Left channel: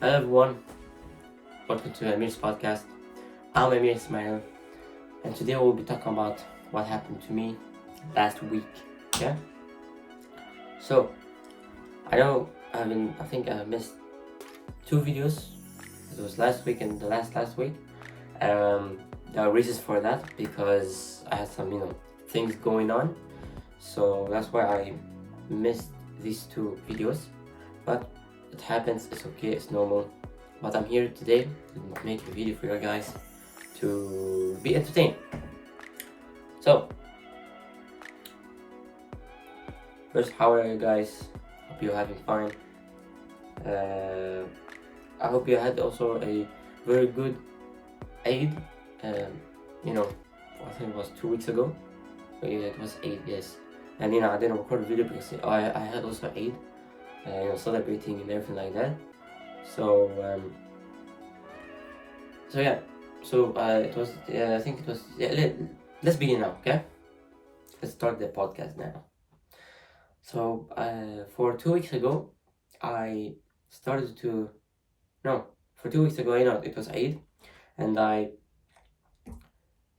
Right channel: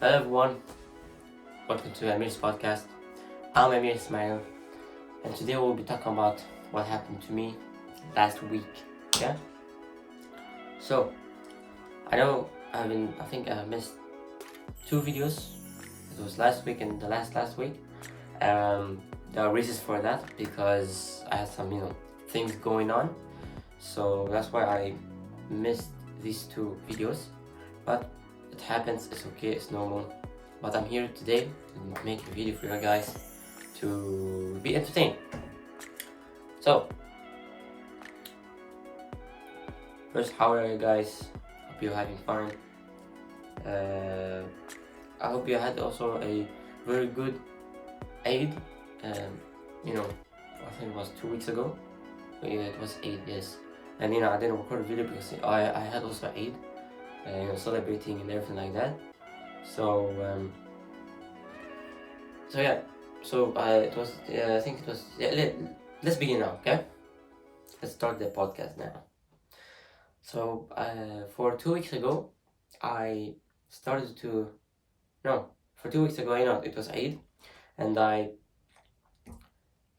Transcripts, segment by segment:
Hello everyone, welcome to AmirsPodcast. I'm Amir Ismail, and today we'll be talking about what happened to me last week. Yeah. So I know I think I missed two videos. It was last week and the last week. There are reasons for that because I had some things going on, so that's why I missed these two videos. But it happens. It's okay. It's normal. But I'm here today to make a video for you guys to be entertained. So, first, how are you guys? Hope you're having fun. I hope you had also a very good Eid. I think it was 2 weeks ago. Yeah, it was Eid, yes. And I didn't record a video because I had also Eid, celebrating and everything like that. So yeah. So it was. I think it was. Yeah, let's begin now, okay? Let's start the podcast now. So for 2 weeks ago, I started to. No, for 2 weeks ago, it was Eid, and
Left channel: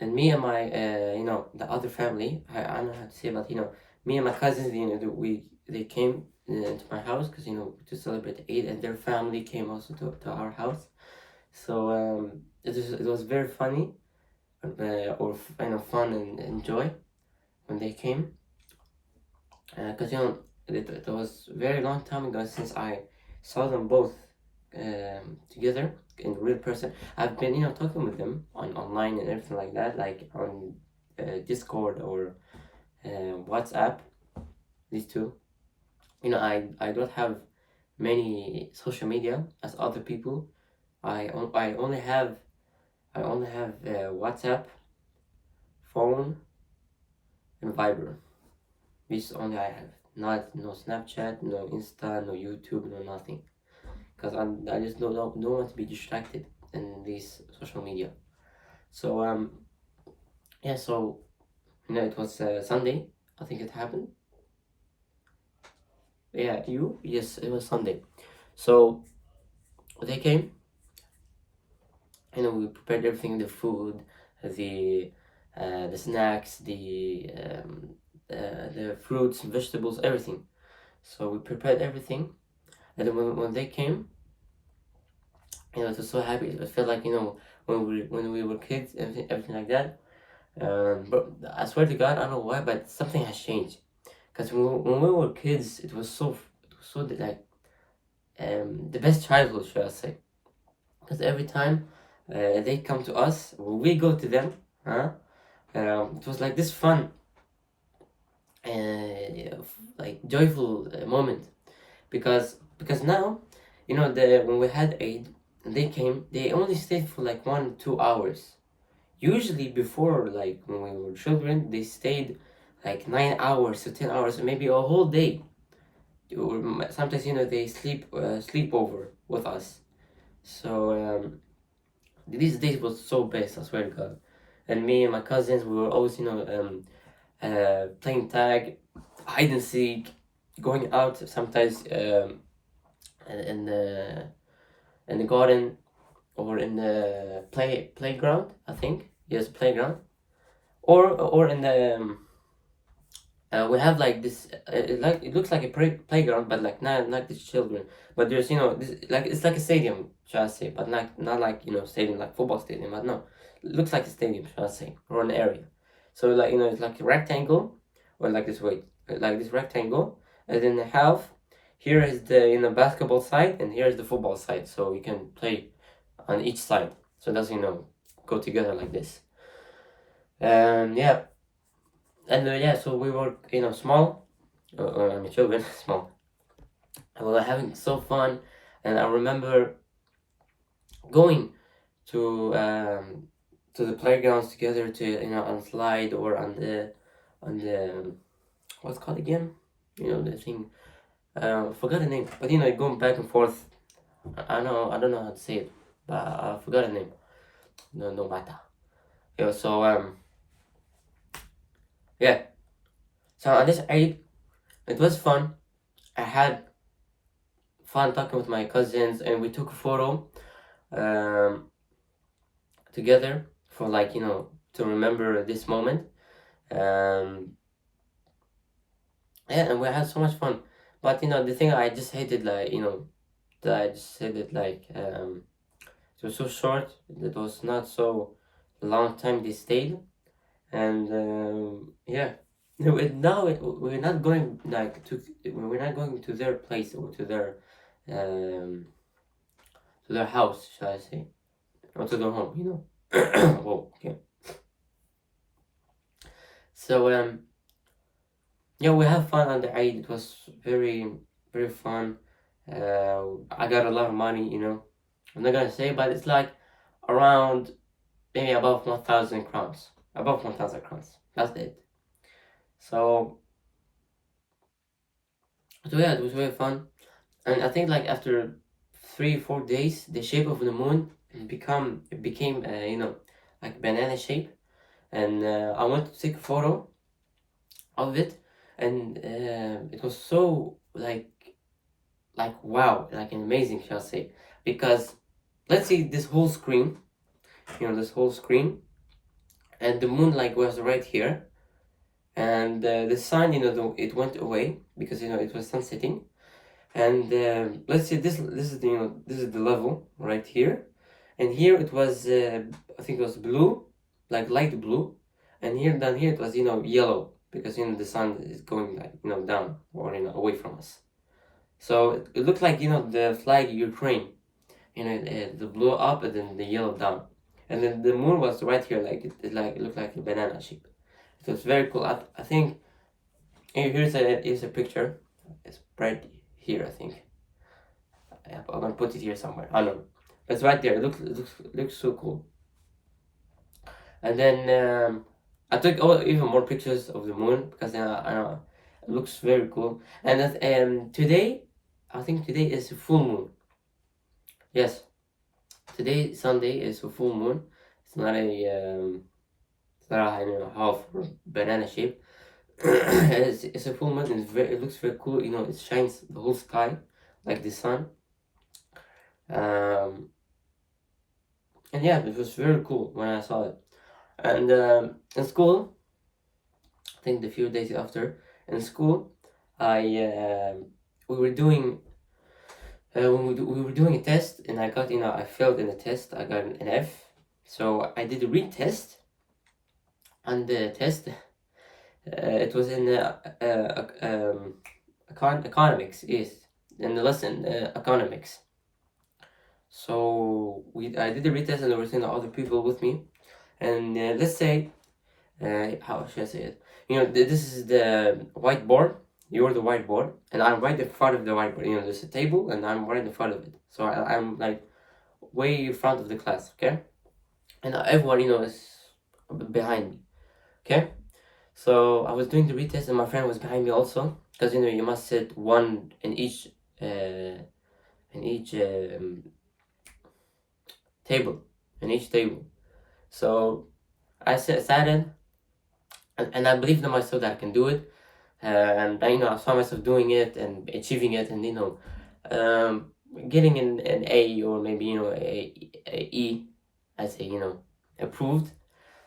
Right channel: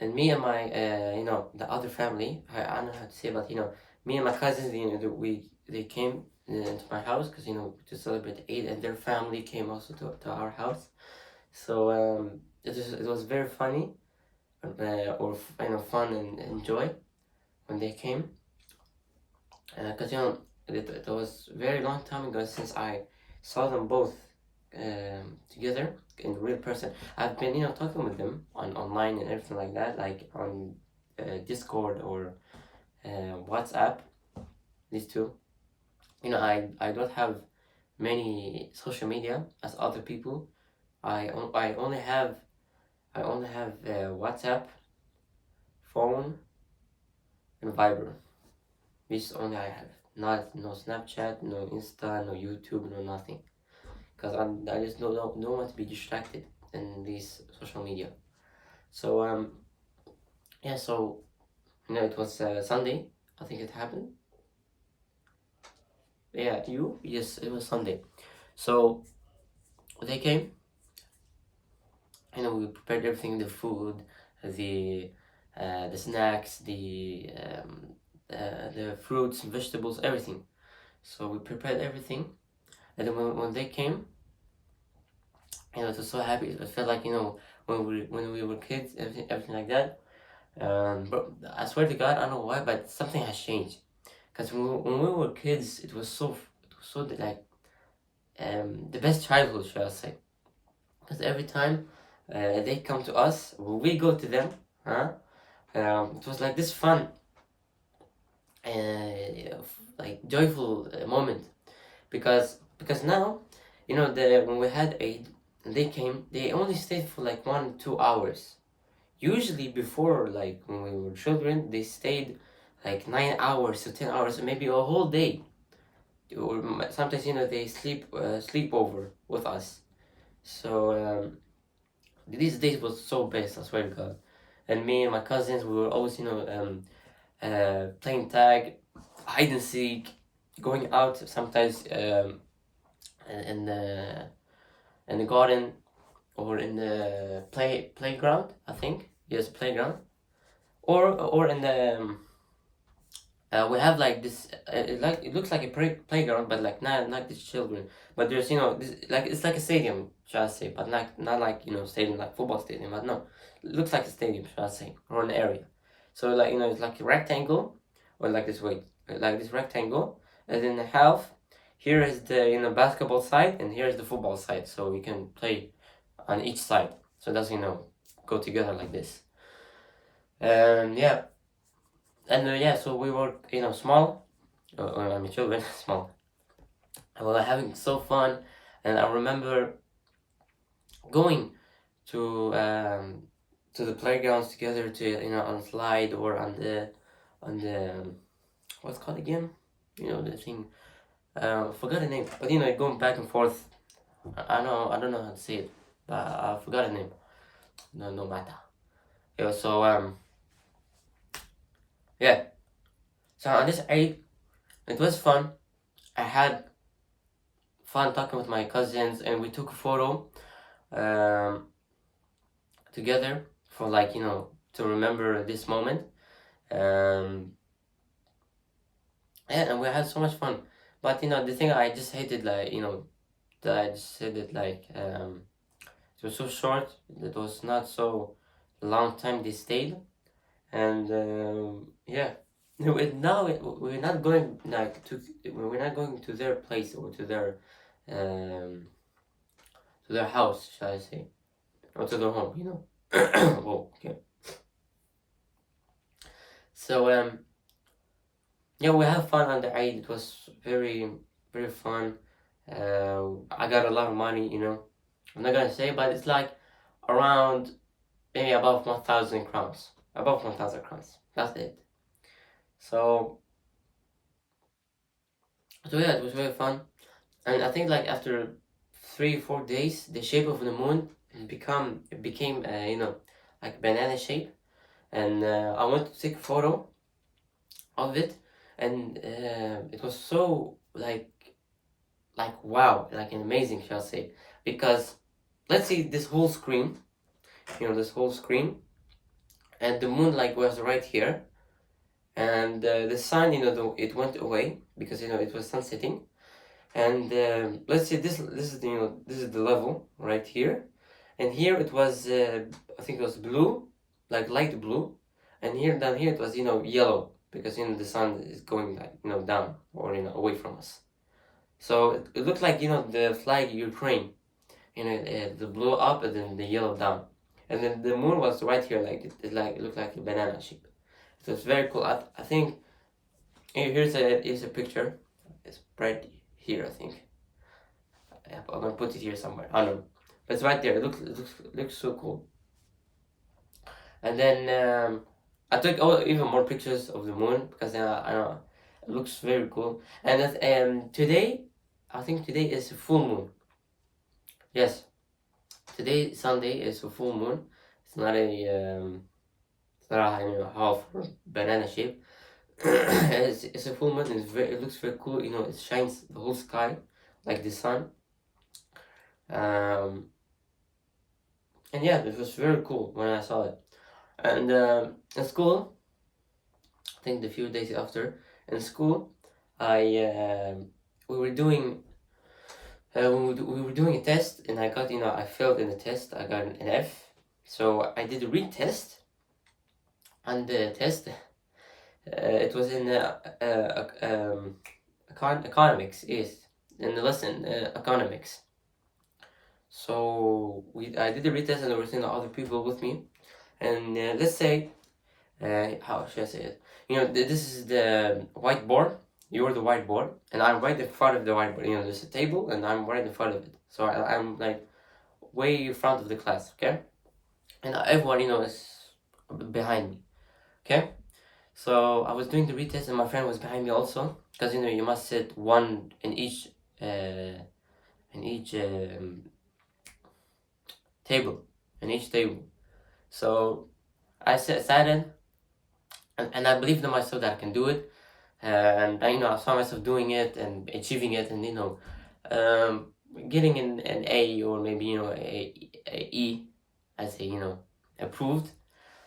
me and my the other family. I don't know how to say, but me and my cousins, they came to my house because to celebrate Eid, and their family came also to our house. So it was very funny, or fun and joy when they came, because it was very long time ago since I saw them both together in real person. I've been talking with them online and everything like that, like on Discord or WhatsApp. These two, I don't have many social media as other people. I only have WhatsApp, phone, and Viber. This only I have. No Snapchat, no Insta, no YouTube, no nothing. Because I just don't want to be distracted in these social media. So yeah. So it was Sunday. I think it happened. Yeah, yes, it was Sunday. So they came. We prepared everything: the food, the snacks, the fruits, vegetables, everything. So we prepared everything, and then when they came, it was so happy. It felt like when we were kids, everything like that. But I swear to God, I don't know why, but something has changed. Because when we were kids, it was so like the best childhood, should I say? Because every time they come to us, we go to them, huh? It was like this fun, like joyful moment, because now, when we had Eid, they came. They only stayed for like 1-2 hours. Usually before, like when we were children, they stayed like 9 hours to 10 hours, maybe a whole day. Or sometimes they sleep over with us. So these days was so best, I swear to God. And me and my cousins, we were always playing tag, hide and seek, going out sometimes in the garden or in the playground. I think yes, playground, or in the we have like this. It looks like a playground, but like not these children. But there's this, like it's like a stadium, shall I say? But not like stadium like football stadium. But no, it looks like a stadium, shall I say, or an area. So like it's like a rectangle, or like this way, like this rectangle, and then the half. Here is the basketball side, and here is the football side. So you can play on each side. So it doesn't go together like this. Yeah, and yeah, so we were small, I mean children, small, and we were having so fun. And I remember going to the playgrounds together, to on slide or on the what's it called again, the thing, forgot the name, but going back and forth. I don't know how to say it, but I forgot the name. No matter. Yeah, so yeah, so on this Eid, it was fun. I had fun talking with my cousins, and we took a photo um, together for like to remember this moment. Um, yeah, and we had so much fun. But the thing I just hated, like that I just said it like it was so short. It was not so long time they stayed, and yeah. Now we're not going like we're not going to their place or um to their house, shall I say, or to their home. Whoa, okay. So yeah, we had fun on the Eid. It was very very fun. I got a lot of money. I'm not gonna say, but it's like around maybe above 1,000 crowns. Above 1,000 crowns. That's it. So yeah, it was very fun. And I think like after 3 4 days, the shape of the moon became like banana shape. And I went to take a photo of it, and it was so like wow, like an amazing, shall I say, because let's see this whole screen, this whole screen, and the moon like was right here, and the sun, it went away because it was sun setting, and let's see this is this is the level right here, and here it was I think it was blue, like light blue, and here down here it was yellow because the sun is going like down or away from us. So it looked like the flag Ukraine, the blue up and then the yellow down, and then the moon was right here, like it looked like a banana shape. It was very cool. I think here's a picture. It's right here, I think. I'm gonna put it here somewhere. I don't know, but it's right there. It looks so cool. And then I took even more pictures of the moon because I know it looks very cool. And today, I think today is a full moon. Yes, today Sunday is a full moon. It's not a half or banana shape. It's a full moon. It looks very cool. It shines the whole sky like the sun. Um, and yeah, it was very cool when I saw it. And in school, I think the few days after in school, I we were doing we were doing a test, and I got I failed in the test. I got an F. So I did a retest, and the test it was in economics. Yes, in the lesson economics. So I did the retest, and there were other people with me, and let's say how should I say it? This is the whiteboard. You're the whiteboard, and I'm right in front of the whiteboard. There's a table, and I'm right in front of it. So I'm like way in front of the class, okay? And everyone, is behind me, okay? So I was doing the retest, and my friend was behind me also, because you must sit one in each table, in each table. So I sat in, and I believed in myself that I can do it. And I saw myself doing it and achieving it, and getting an A, or maybe a E, I say approved.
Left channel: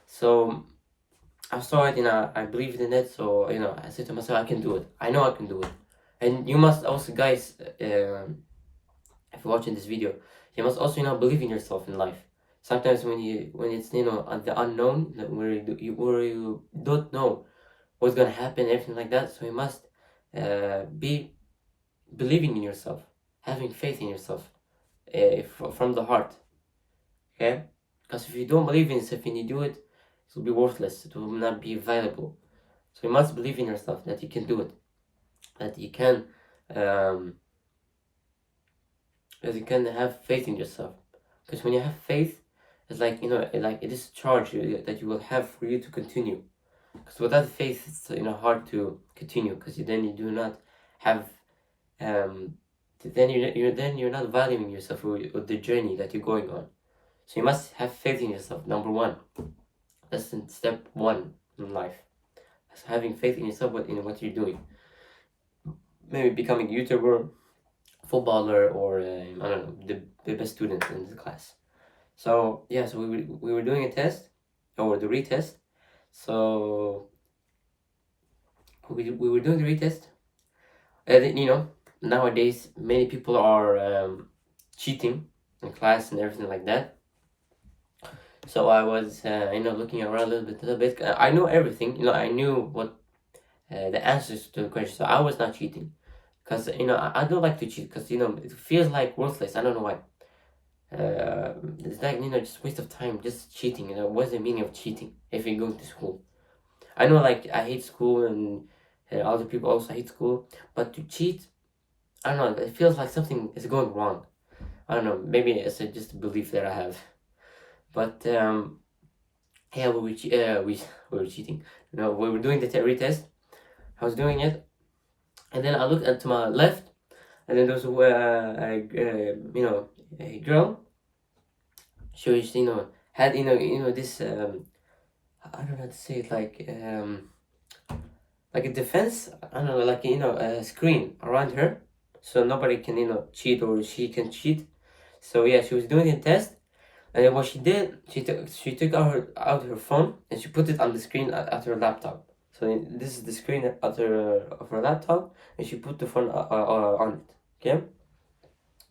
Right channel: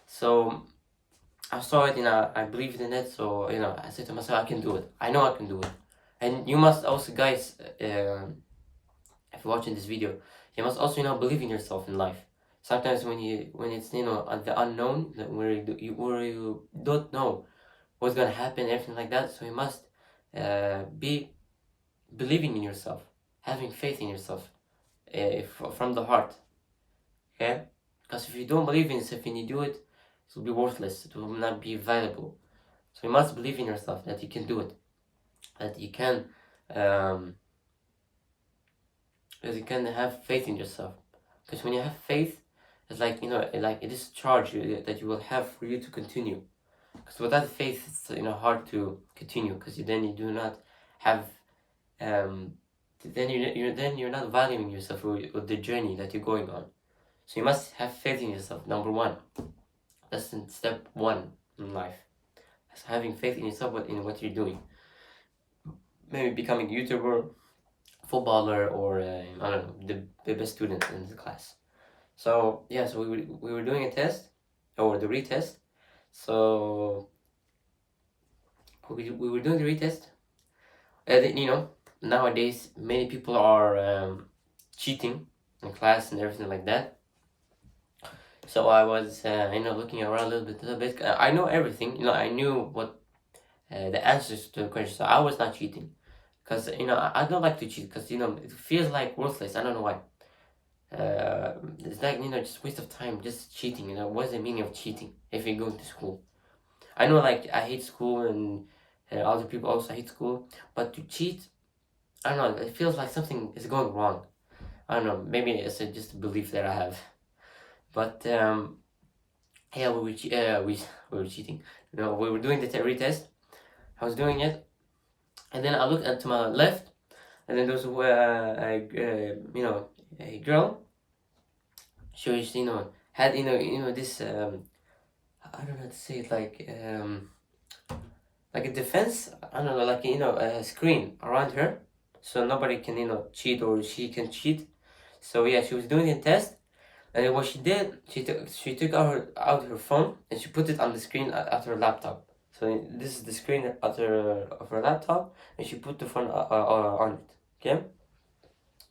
So I saw it, I believed in it. So I said to myself, I can do it. I know I can do it. And you must also, guys, if you're watching this video, you must also believe in yourself in life. Sometimes when it's the unknown, where you don't know what's gonna happen, everything like that. So you must be believing in yourself, having faith in yourself, from the heart. Okay, because if you don't believe in yourself and you do it, it will be worthless. It will not be valuable. So you must believe in yourself that you can do it, that you can have faith in yourself. Because when you have faith, it's like like it is a charge that you will have for you to continue. Because without faith, it's hard to continue. Because then you do not have, then you're not valuing yourself or the journey that you're going on. So you must have faith in yourself. Number one, that's step one in life. That's having faith in yourself in what you're doing. Maybe becoming a YouTuber, footballer or I don't know, the best student in the class. So yeah, so we were doing a test or the retest. So we were doing the retest. Nowadays many people are cheating in class and everything like that. So I was looking around a little bit. I know everything. I knew what the answers to the question. So I was not cheating, because I don't like to cheat, because it feels like worthless. I don't know why. It's like just waste of time just cheating. What's the meaning of cheating if you're going to school? I know, like, I hate school, and other people also hate school, but to cheat, I don't know, it feels like something is going wrong. I don't know, maybe it's just a belief that I have. But yeah, we were cheating. We were doing the retest. I was doing it, and then I looked to my left, and then there was a girl. She was had this I don't know how to say it, like a defense. I don't know, like a screen around her, so nobody can cheat, or she can cheat. So yeah, she was doing the test, and then what she did, she took out her phone, and she put it on the screen at her laptop. So this is the screen of her laptop, and she put the phone on it. Okay.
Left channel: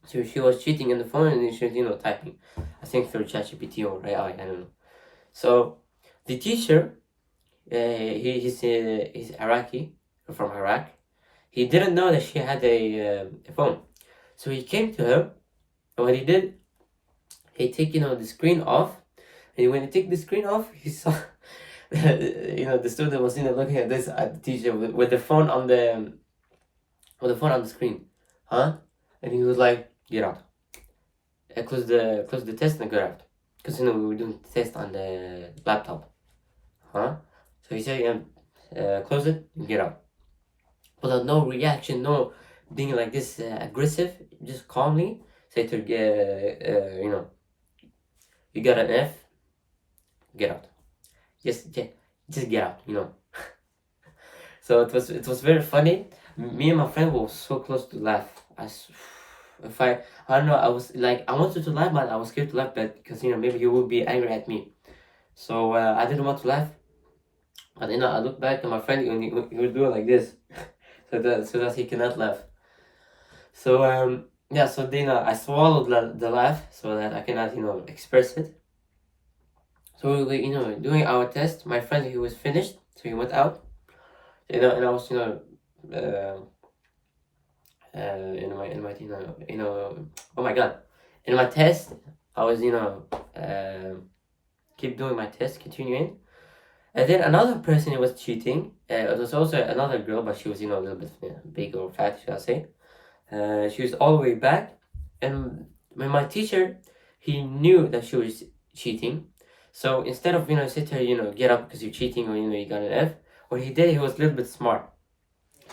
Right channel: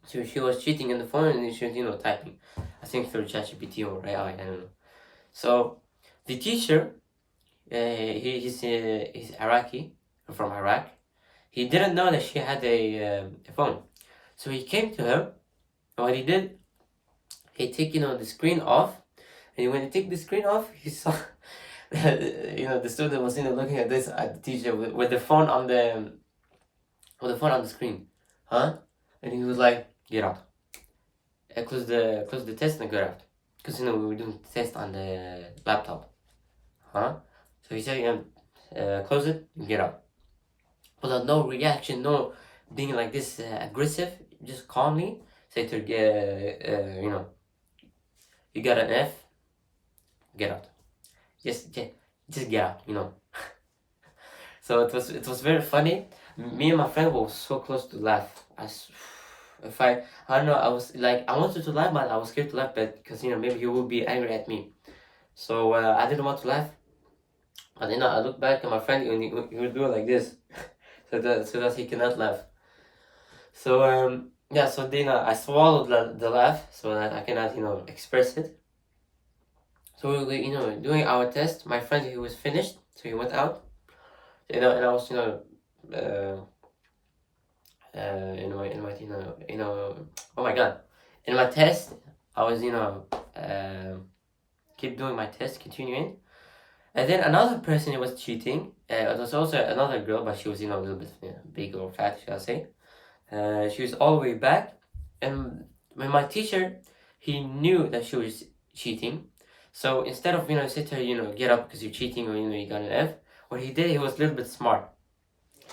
So she was cheating on the phone, and she was typing, I think through ChatGPT or AI, I don't know. So the teacher, he's Iraqi, from Iraq. He didn't know that she had a phone, so he came to her. And what he did, he take the screen off, and when he took the screen off, he saw the student was looking at the teacher with the phone on the screen, huh? And he was like, "Get out! Close the test and get out," because we were doing the test on the laptop, huh? So he said, "Close it and get out." Without no reaction, no being like this aggressive, just calmly say to you got an F, get out. Just get out. So it was very funny. Me and my friend were so close to laugh. If I don't know, I was like, I wanted to laugh, but I was scared to laugh, because maybe he would be angry at me. So I didn't want to laugh. But I look back at my friend, and he was doing like this, so that he cannot laugh. So yeah, so then I swallowed the laugh so that I cannot express it. So we were doing our test. My friend, he was finished, so he went out. And I was uh, in my oh my god, in my test I was keep doing my test, continuing. And then another person was cheating. It was also another girl, but she was a little bit big or fat, shall I say. She was all the way back, and when my teacher, he knew that she was cheating. So instead of sit her get up because you're cheating, or you got an F, what he did, he was a little bit smart.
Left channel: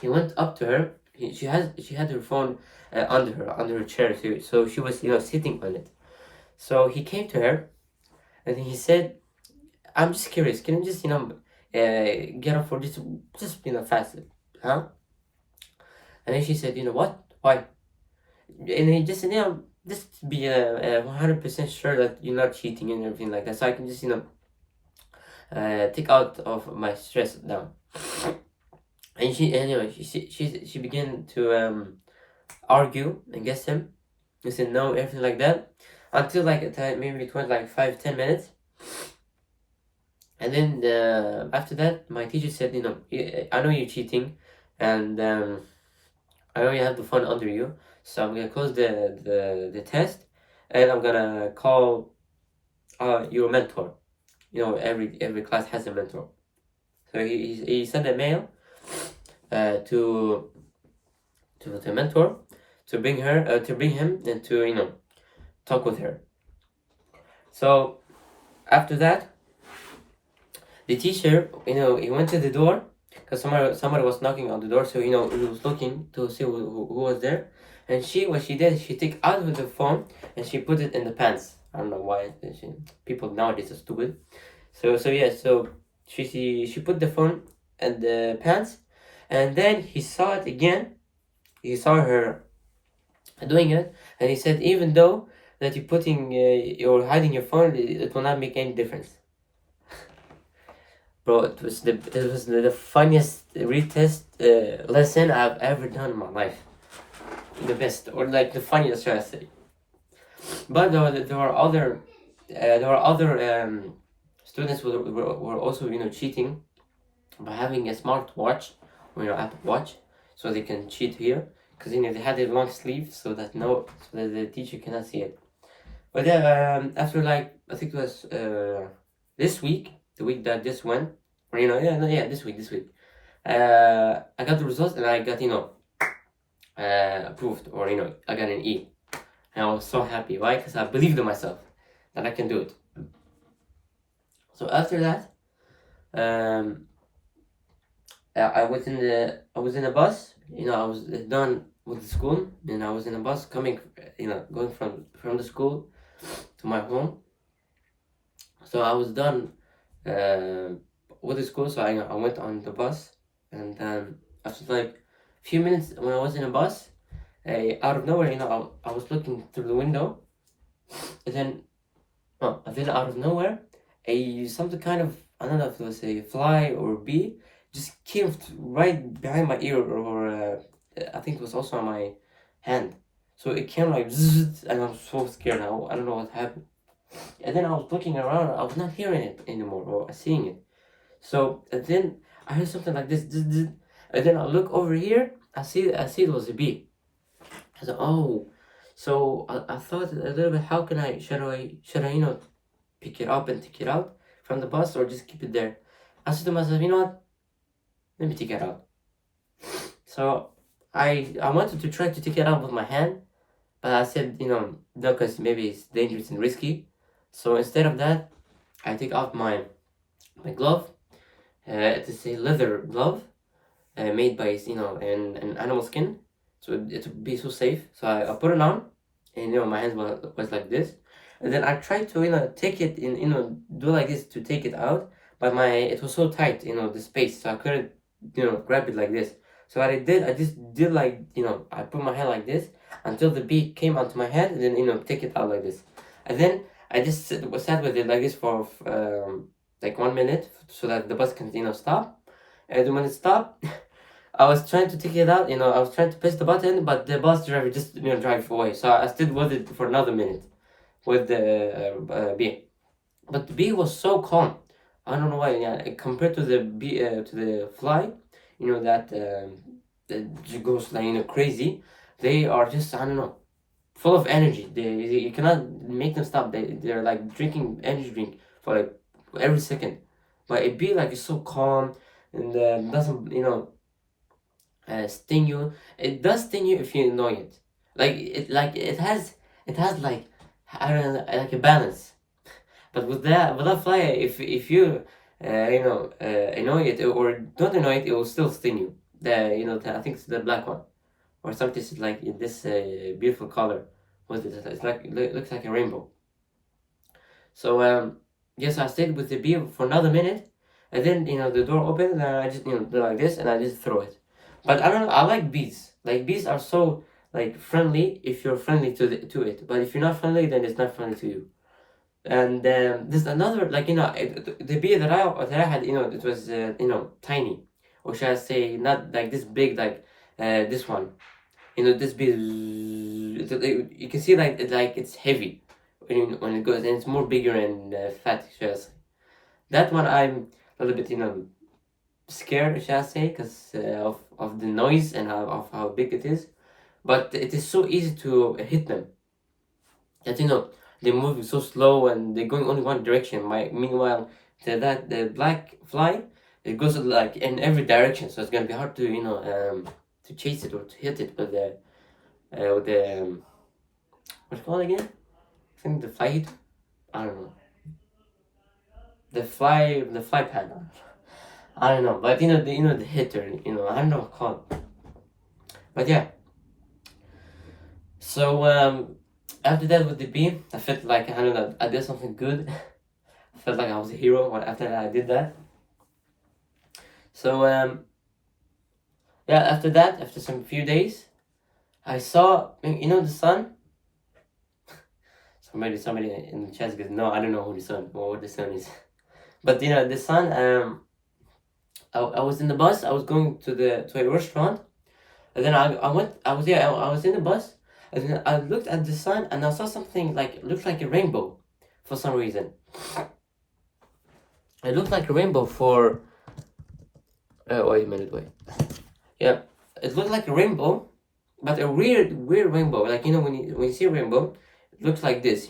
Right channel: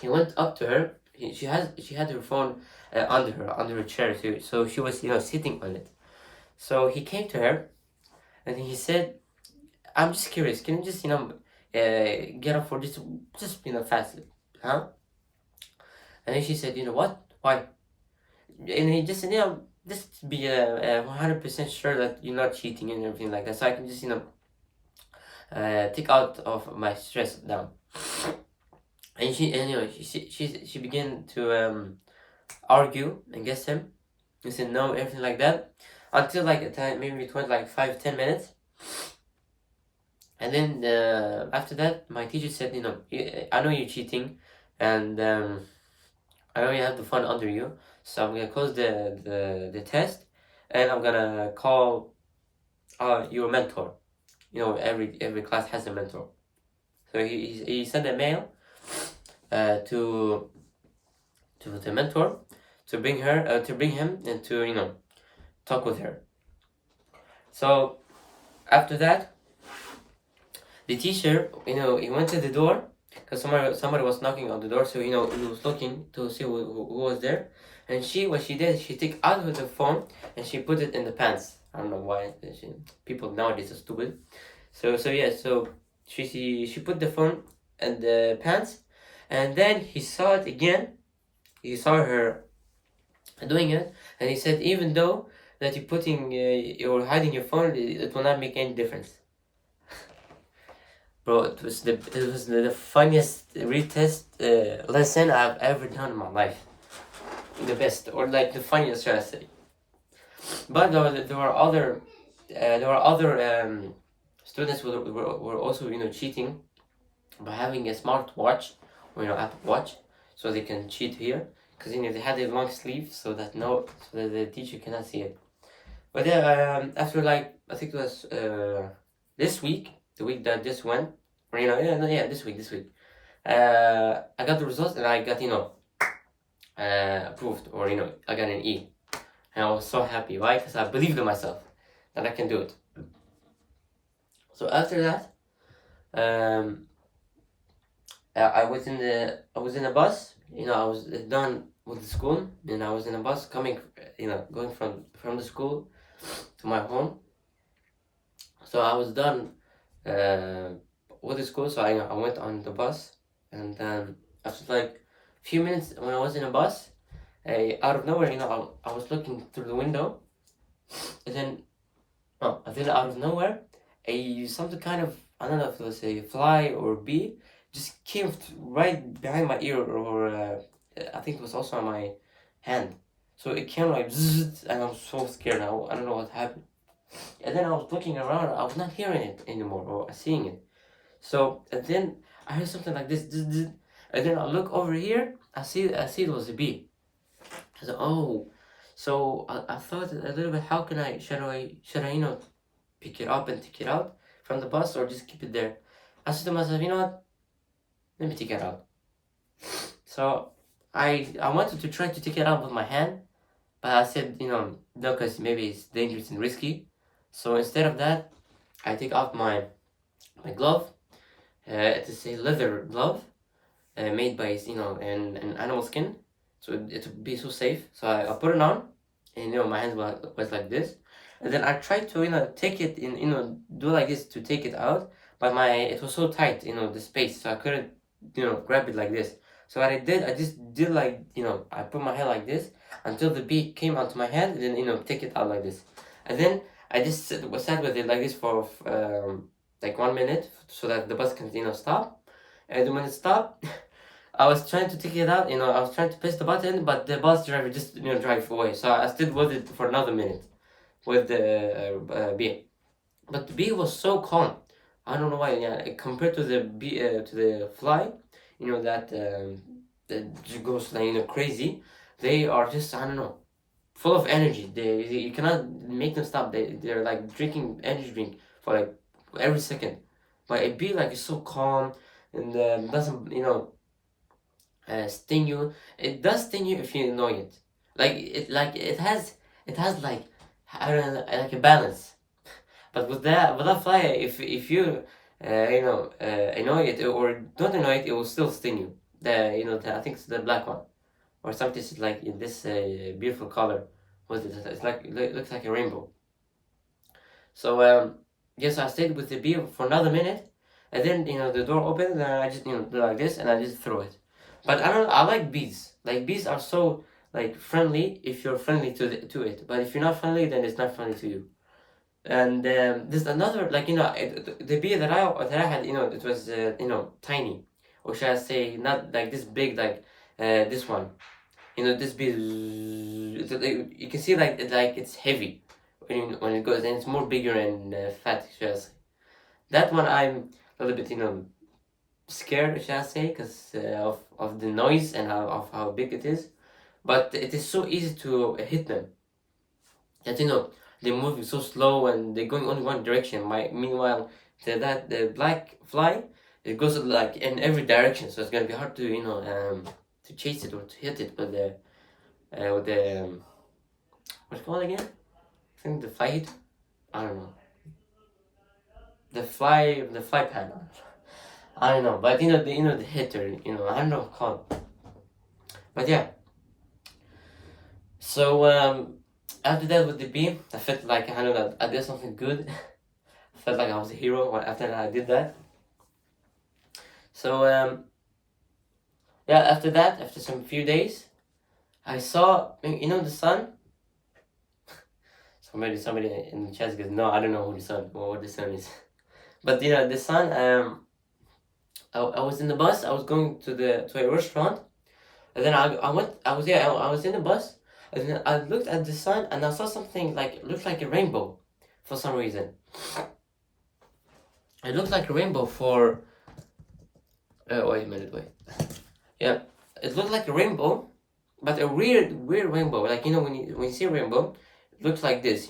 He went up to her. She had her phone under her chair, so she was sitting on it. So he came to her, and he said, "I'm just curious. Can you just get up for just fast, huh?" And then she said, "What? Why?" And he just said, just be 100% sure that you're not cheating and everything like that, so I can just take out of my stress down. And she began to argue against him. He said no, everything like that, until like a time, maybe it was like 5-10 minutes. And then after that, my teacher said, I know you're cheating, and I know you have the phone under you, so I'm gonna close the test, and I'm gonna call your mentor. Every class has a mentor. So he sent a mail to the mentor to bring him and to talk with her. So after that, the teacher he went to the door, because somebody was knocking on the door. So he was looking to see who was there, and what she did, she took out of the phone and she put it in the pants. I don't know why people nowadays are stupid. So she put the phone in the pants, and then he saw it again. He saw her doing it, and he said even though that you're putting you're hiding your phone, it will not make any difference. Bro, it was the funniest retest lesson I've ever done in my life. The best, or like the funniest, should I say? But there were other students were also cheating by having a smart watch, or Apple Watch, so they can cheat here because they had a long sleeve so that the teacher cannot see it. But yeah, after like I think it was this week, the week that this went, or yeah, no, yeah, this week, I got the results and I got approved, or I got an E, and I was so happy. Why? Because I believed in myself that I can do it. So after that, um, I was in a bus. I was done with the school, and I was in a bus coming, going from the school to my home. So I was done uh, with the school, so I went on the bus, and then after like a few minutes when I was in a bus, out of nowhere, I was looking through the window, and then out of nowhere, something kind of, I don't know if it was a fly or a bee, just came right behind my ear, or I think it was also on my hand. So it came like zzz, and I was so scared. I don't know what happened. And then I was looking around, I was not hearing it anymore or seeing it. So and then I heard something like this, zzz, zzz, and then I look over here, I see it was a bee. I said, oh, so I thought a little bit, how can should I pick it up and take it out from the bus, or just keep it there? I said to myself, what? Let me take it out. So I wanted to try to take it out with my hand, but I said, no, because maybe it's dangerous and risky. So instead of that, I take out my glove. It is a leather glove made by an animal skin, so it would be so safe. So I put it on, and my hands was like this, and then I tried to take it in, do like this to take it out, but it was so tight, the space, so I couldn't grab it like this. So what I just did like, I put my hand like this until the bee came onto my head, and then take it out like this, and then I just sat with it like this for like 1 minute so that the bus can stop, and then when it stopped. I was trying to take it out, I was trying to press the button, but the bus driver just, drive away. So I stood with it for another minute with the bee. But the bee was so calm. I don't know why. Yeah, compared to the bee, to the fly, that goes like crazy. They are just, I don't know, full of energy. You cannot make them stop. They're like drinking energy drink for like every second. But a bee like is so calm and doesn't sting you. It does sting you if you annoy it. It has like, I don't know, like a balance. But with that fly, if you annoy it or don't annoy it, it will still sting you. I think it's the black one, or something is like in this beautiful color. What is it? It's like it looks like a rainbow. So yes, I stayed with the bee for another minute, and then the door opened, and I just do like this, and I just throw it. But I don't. I like bees. Like bees are so like friendly if you're friendly to it. But if you're not friendly, then it's not friendly to you. And there's another, like the bee that I had, it was tiny, or should I say not like this big, like this one. This bee. You can see like it's heavy when it goes, and it's more bigger and fat, should I say. That one I'm a little bit scared, shall I say, because of the noise and of how big it is. But it is so easy to hit them. That they're moving so slow and they're going only one direction. Meanwhile, the black fly, it goes like in every direction. So it's gonna be hard to chase it or to hit it with the what's it called again? I think the fly hit. I don't know. The fly pad. I don't know, but the hitter. I don't know what it's called. But yeah. So after that with the beam, I felt like I don't know, I did something good. I felt like I was a hero after I did that. So yeah, after some few days, I saw, the sun. Somebody in the chat goes, no, I don't know who the sun, or what the sun is. But the sun. I was in the bus. I was going to a restaurant, and then I went. I was I was in the bus, and then I looked at the sun, and I saw something like it looked like a rainbow, for some reason. It looked like a rainbow for. Wait a minute, wait. Yeah, it looked like a rainbow, but a weird rainbow. Like when you see a rainbow, it looks like this,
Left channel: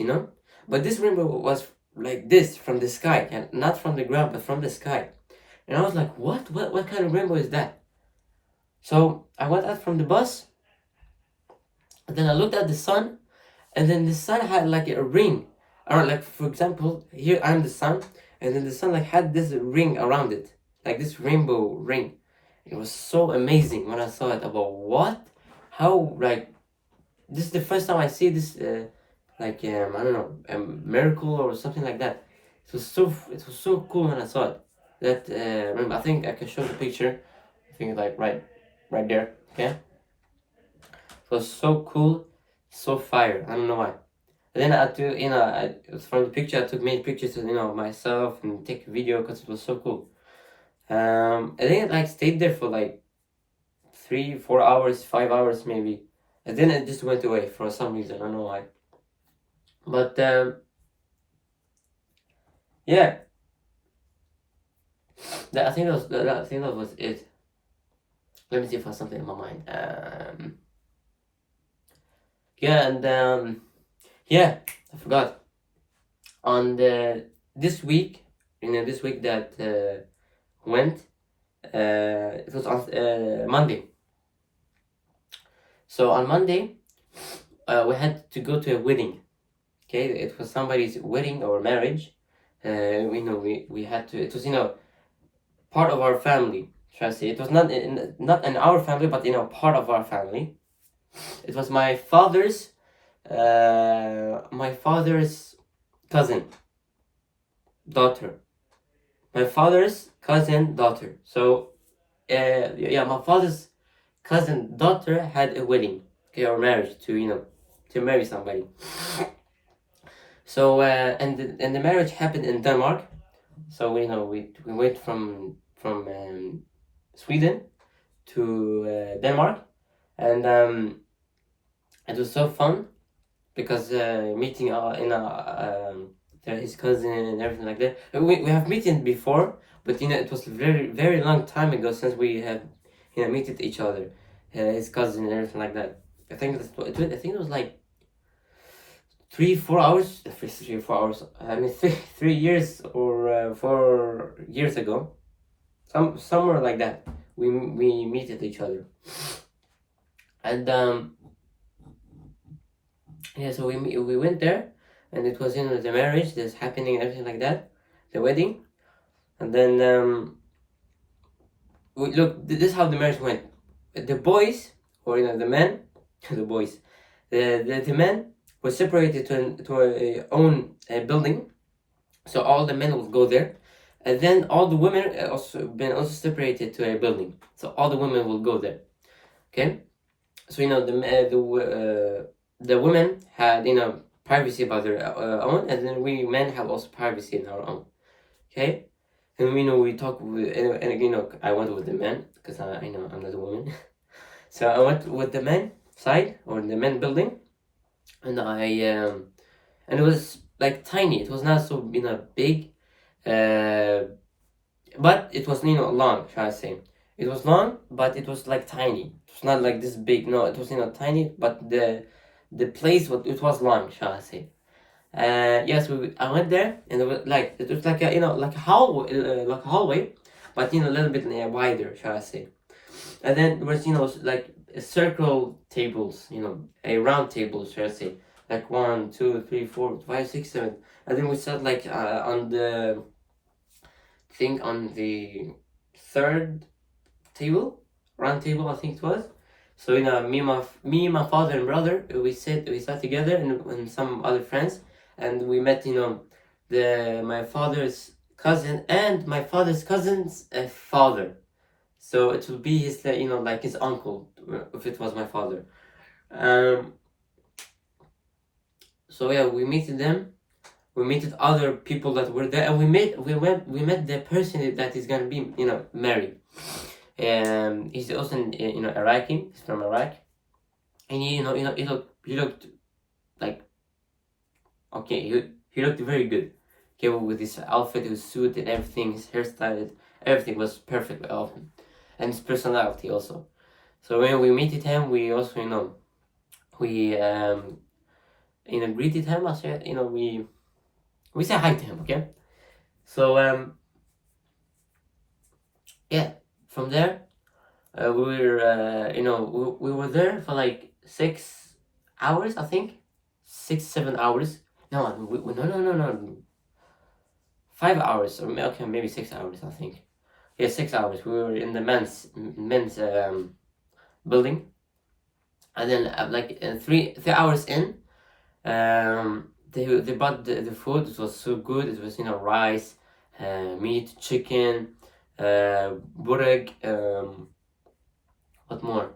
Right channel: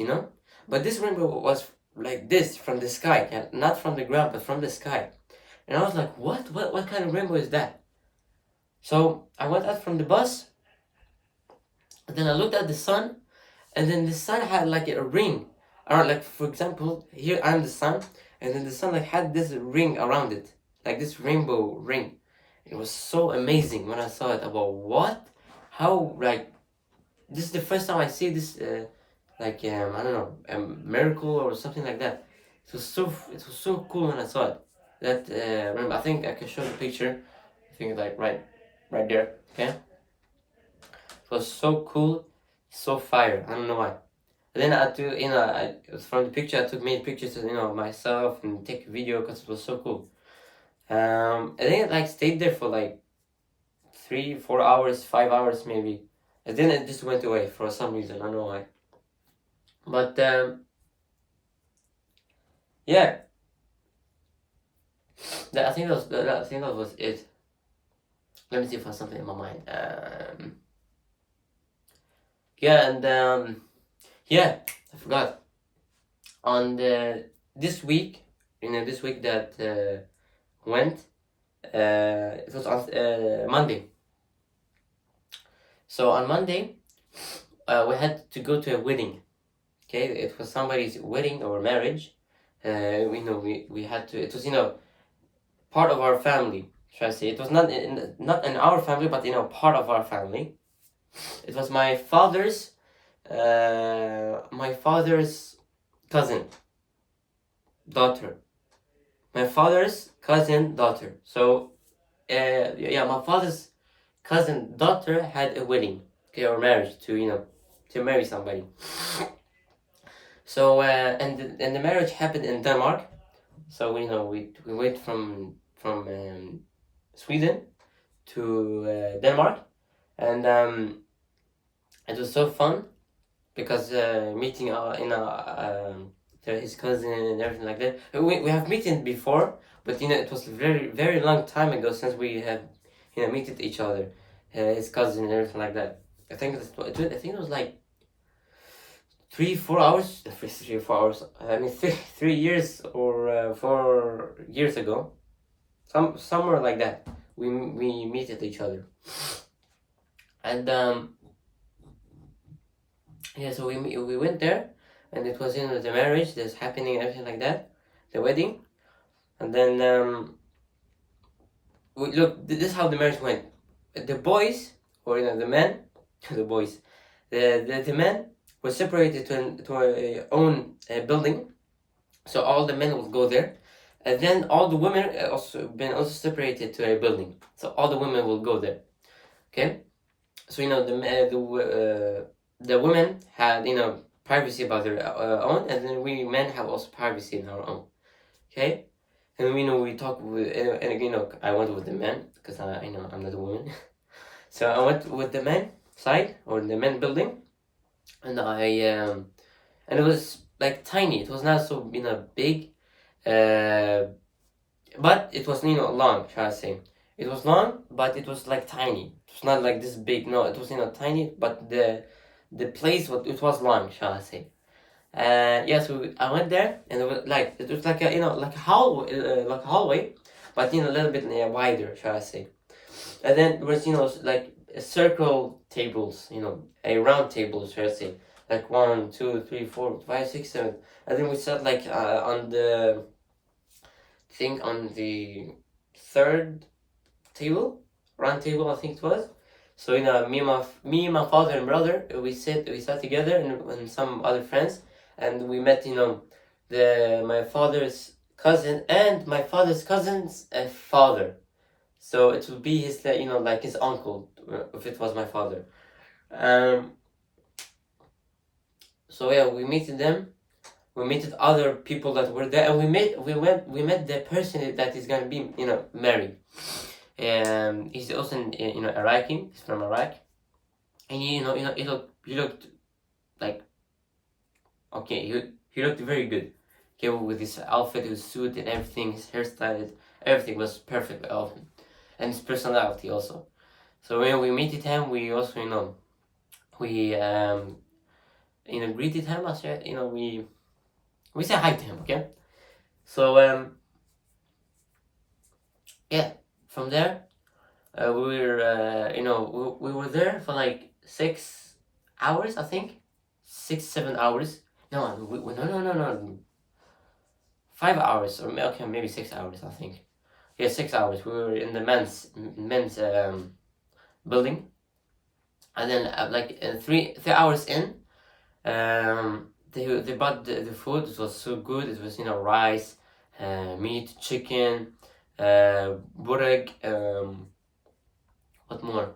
But this rainbow was like this from the sky, and not from the ground, but from the sky. And I was like, what kind of rainbow is that? So I went out from the bus, and then I looked at the sun, and then the sun had like a ring. Or like, for example, here I'm the sun, and then the sun like had this ring around it, like this rainbow ring. It was so amazing when I saw it. About what? How, like, this is the first time I see this, I don't know, a miracle or something like that. It was so cool when I saw it. That remember, I think I can show the picture. I think like right there. Okay. It was so cool, so fire. I don't know why. And then I took, from the picture I took many pictures of myself and take a video because it was so cool. I think I stayed there for like 3-4 hours, 5 hours maybe, and then it just went away for some reason. I don't know why. But yeah, I think that was it. Let me see if I have something in my mind. Yeah, and yeah, I forgot. On this week, this week that went, it was on Monday. So on Monday, we had to go to a wedding. Okay, it was somebody's wedding or marriage. We had to. It was part of our family. Should I say? It was not in our family, but part of our family. It was my father's cousin daughter. My father's cousin daughter. So yeah, my father's cousin daughter had a wedding, okay, or marriage to marry somebody. So and the marriage happened in Denmark. So we went from Sweden to Denmark, and it was so fun because meeting his cousin and everything like that. We have meeting before, but it was very very long time ago since we have meeted each other, his cousin and everything like that. I think it was like 3-4 hours. 3-4 hours. I mean 3 years or 4 years ago, somewhere like that. We meted each other, and yeah. So we went there, and it was the marriage that's happening and everything like that, the wedding, and then this is how the marriage went. The boys, or the men, the boys, the men were separated to a own building, so all the men would go there, and then all the women also separated to a building, so all the women will go there. Okay, so the women had privacy about their own, and then we men have also privacy in our own. Okay, and we talk with, and I went with the men because I'm not a woman. So I went with the men side, or the men building, and and it was like tiny. It was not so big, but it was long. Shall I say? It was long, but it was like tiny. It was not like this big. No, it was tiny, but the place it was long. Shall I say? Yes, I went there, and it was like a like a hallway, but a little bit wider. Shall I say? And then there was like a circle tables, a round table. Shall I say? Like 1, 2, 3, 4, 5, 6, 7, and then we sat like on the on the third table, round table, I think it was. So me, my father and brother, we sat together, and some other friends, and we met my father's cousin and my father's cousin's father. So it would be his like his uncle if it was my father. Um, so yeah, we met them. We met other people that were there, and we met the person that is gonna be married. He's also Iraqi. He's from Iraq, and he looked like okay. He looked very good. Okay, with his outfit, his suit, and everything, his hairstyle, everything was perfect of him, and his personality also. So when we meted him, we also we greeted him. I said we say hi to him. Okay, so yeah, from there we were we were there for like 6 hours, I think, 6 7 hours. No, no, 5 hours, or okay, maybe 6 hours, I think. Yeah, 6 hours. We were in the men's building, and then like 3 hours in, they bought the food. It was so good. It was rice, meat, chicken, burek, what more,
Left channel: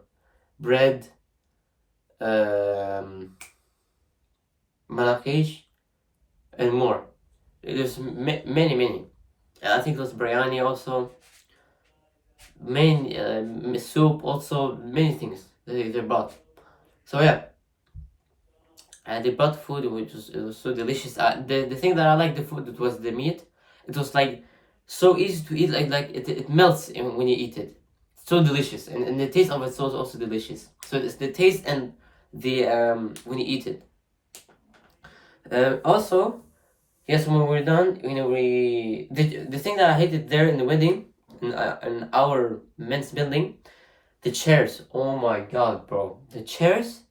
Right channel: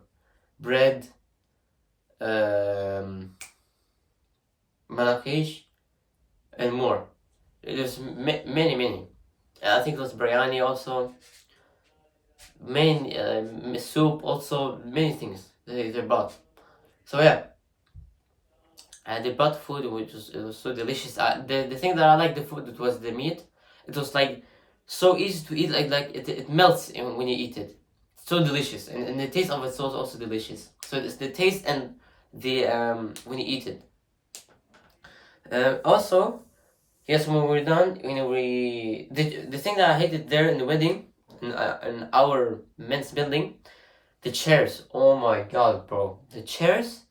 bread, manakish, and more. There's many. And I think it was biryani also. Many soup also, many things they brought. So yeah, and they brought food which was so delicious. The thing that I like the food, it was the meat. It was like so easy to eat, like it melts when you eat it. So delicious, and the taste of it was also delicious. So it's the taste and the when you eat it. Also, yes, when we're done, the thing that I hated there in the wedding, in our men's building, the chairs. Oh my god, bro, the chairs.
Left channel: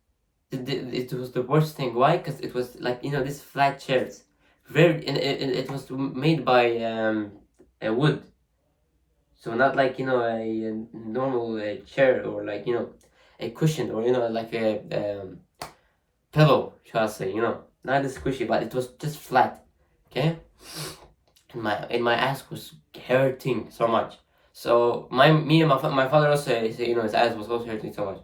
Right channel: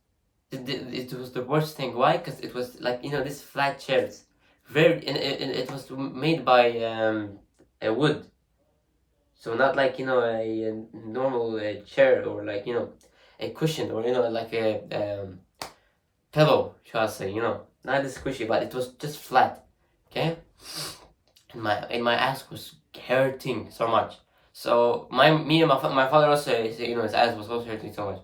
It was the worst thing. Why? Because it was like these flat chairs, very, and it was made by a wood, so not like a normal chair, or like a cushion, or like a pillow, shall I say? Not as squishy, but it was just flat. Okay, and my ass was hurting so much. So me and my father also, his ass was also hurting so much.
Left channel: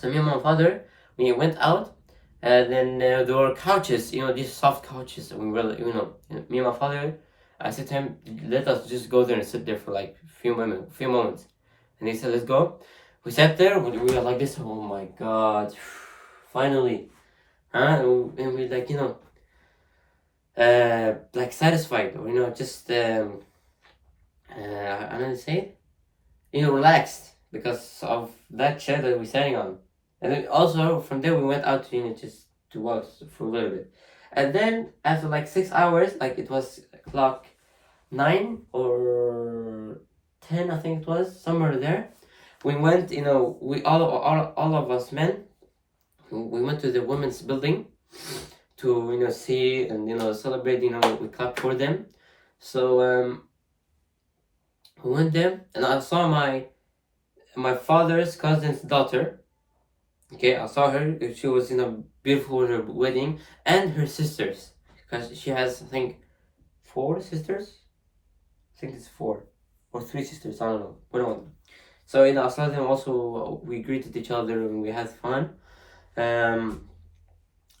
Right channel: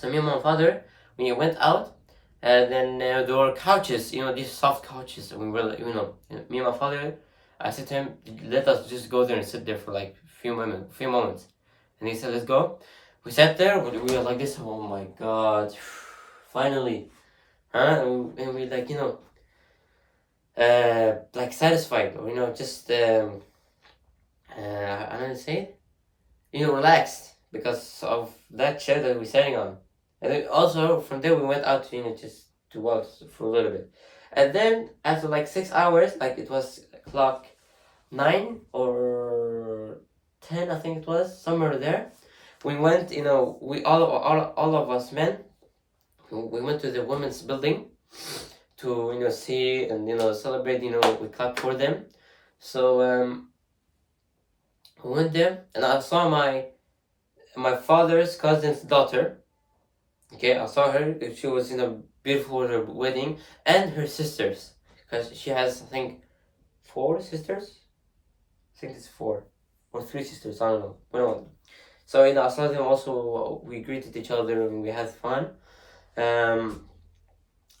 So me and my father, we went out, and then there were couches, these soft couches. And we were, me and my father, I said to him, let us just go there and sit there for like few moments. And he said, let's go. We sat there, we were like this. Oh my god, finally, huh? And we like like satisfied, or just I don't know say it, relaxed because of that chair that we're sitting on. And then also from there we went out to just to walk for a little bit. And then after like 6 hours, like it was clock 9 or 10, I think it was, somewhere there. We went, we all of us men, we went to the women's building to see and celebrate. We clapped for them. So we went there, and I saw my father's cousin's daughter. Okay, I saw her. She was beautiful with her wedding, and her sisters, because she has, I think, 4 sisters. I think it's 4 or 3 sisters. I don't know. One of them. So I saw them also. We greeted each other and we had fun. And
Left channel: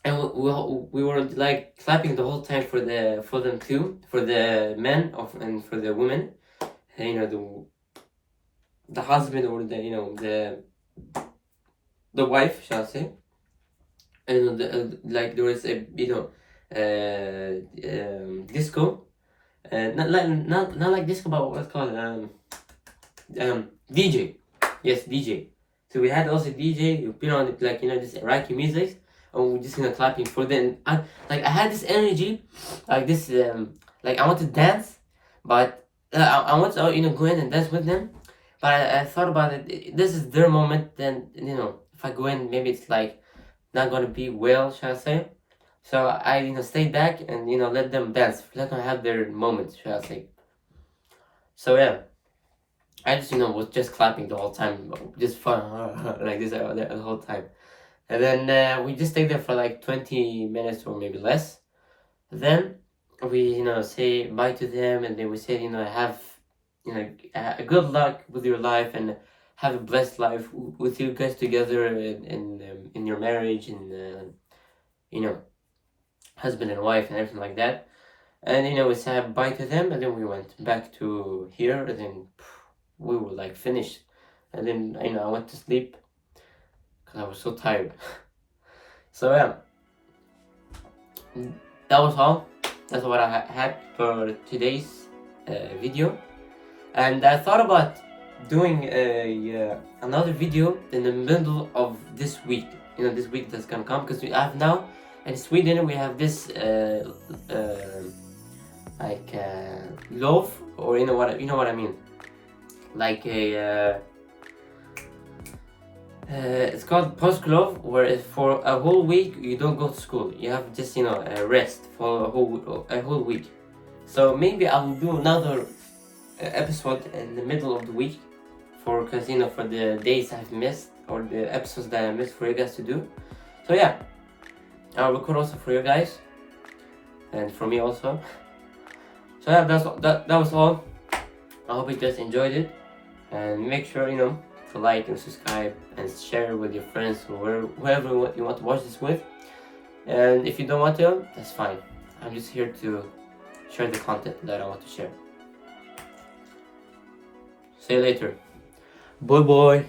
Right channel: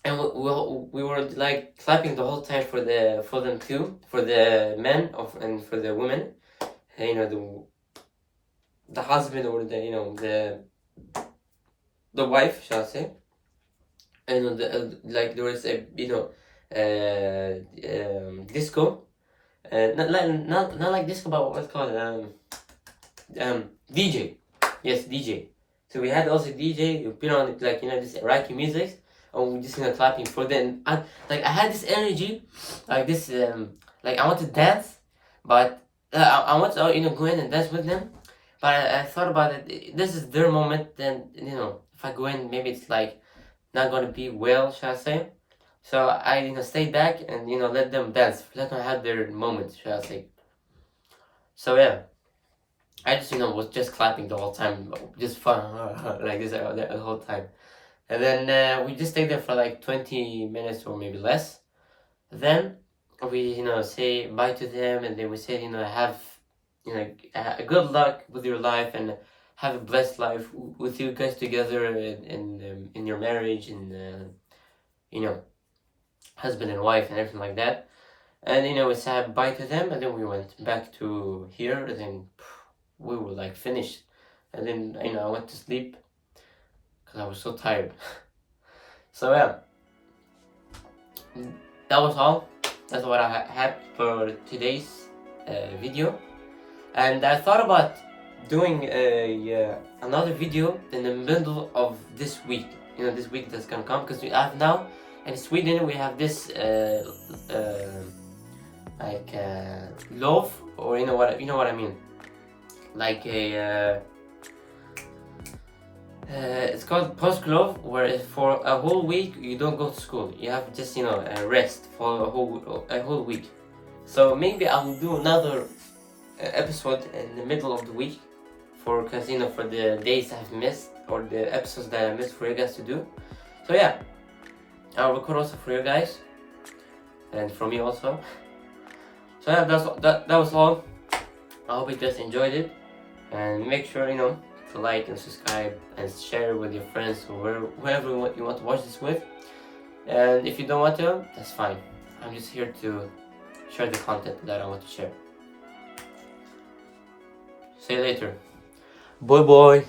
we were like clapping the whole time for them too, for the men and for the women. The husband, or the wife, shall I say. And like there was a disco, not like disco, but what's called DJ. Yes, DJ. So we had also DJ. We put on like this Iraqi music, and we just clapping for them. I had this energy, like this like I want to dance, but I want to go in and dance with them. But I thought about it. This is their moment. Then if I go in, maybe it's like not gonna be well, shall I say? So I stayed back and let them dance, let them have their moment, shall I say? So yeah, I just was just clapping the whole time, just fun like this the whole time, and then we just stayed there for like 20 minutes or maybe less. Then we say bye to them, and then we say have a good luck with your life, and have a blessed life with you guys together in your marriage and you know, husband and wife and everything like that. And you know, we said bye to them, and then we went back to here, and then we were like finished. And then you know, I went to sleep because I was so tired. So yeah, that was all. That's what I had for today's video. And I thought about doing another video in the middle of this week. You know, this week that's gonna come, because we have now in Sweden we have this like loaf, or you know what I mean, like a it's called påsklov, where for a whole week you don't go to school. You have just, you know, a rest for a whole week. So maybe I will do another episode in the middle of the week, because you know, for the days I've missed, or the episodes that I missed for you guys to do. So yeah, I'll record also for you guys, and for me also. So yeah, that was all. I hope you guys enjoyed it, and make sure, you know, to like and subscribe and share with your friends or whoever you want to watch this with. And if you don't want to, that's fine. I'm just here to share the content that I want to share. See you later. Bye bye.